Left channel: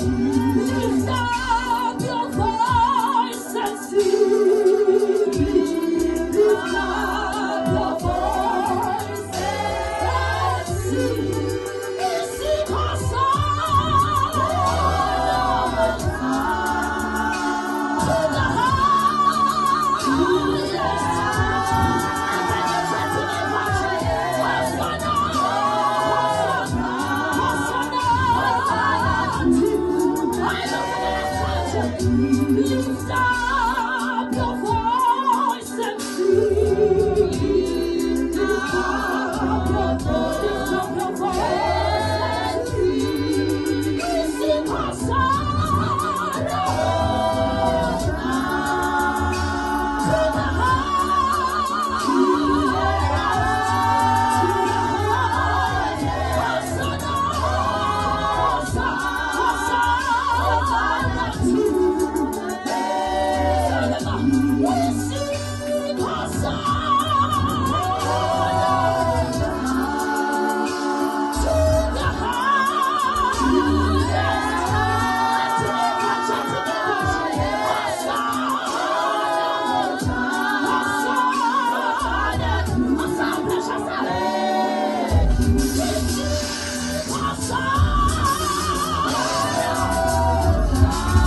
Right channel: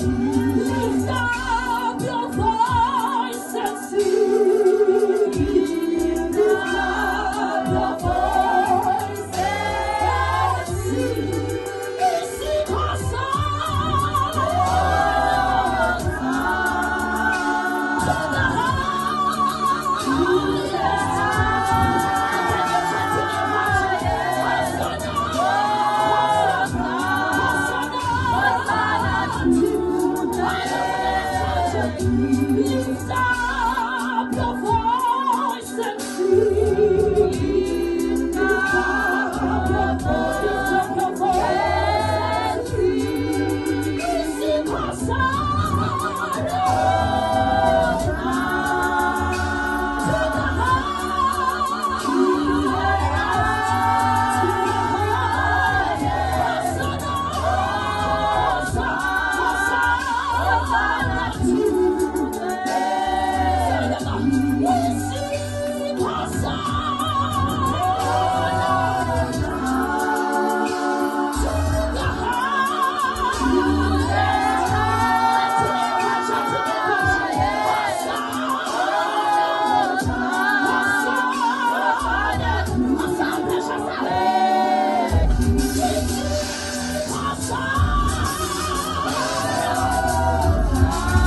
Lift up your voice and sing. Lift up your voice and sing. Sing a song to the Lift up your voice and sing. Lift up your voice and sing. Sing a song to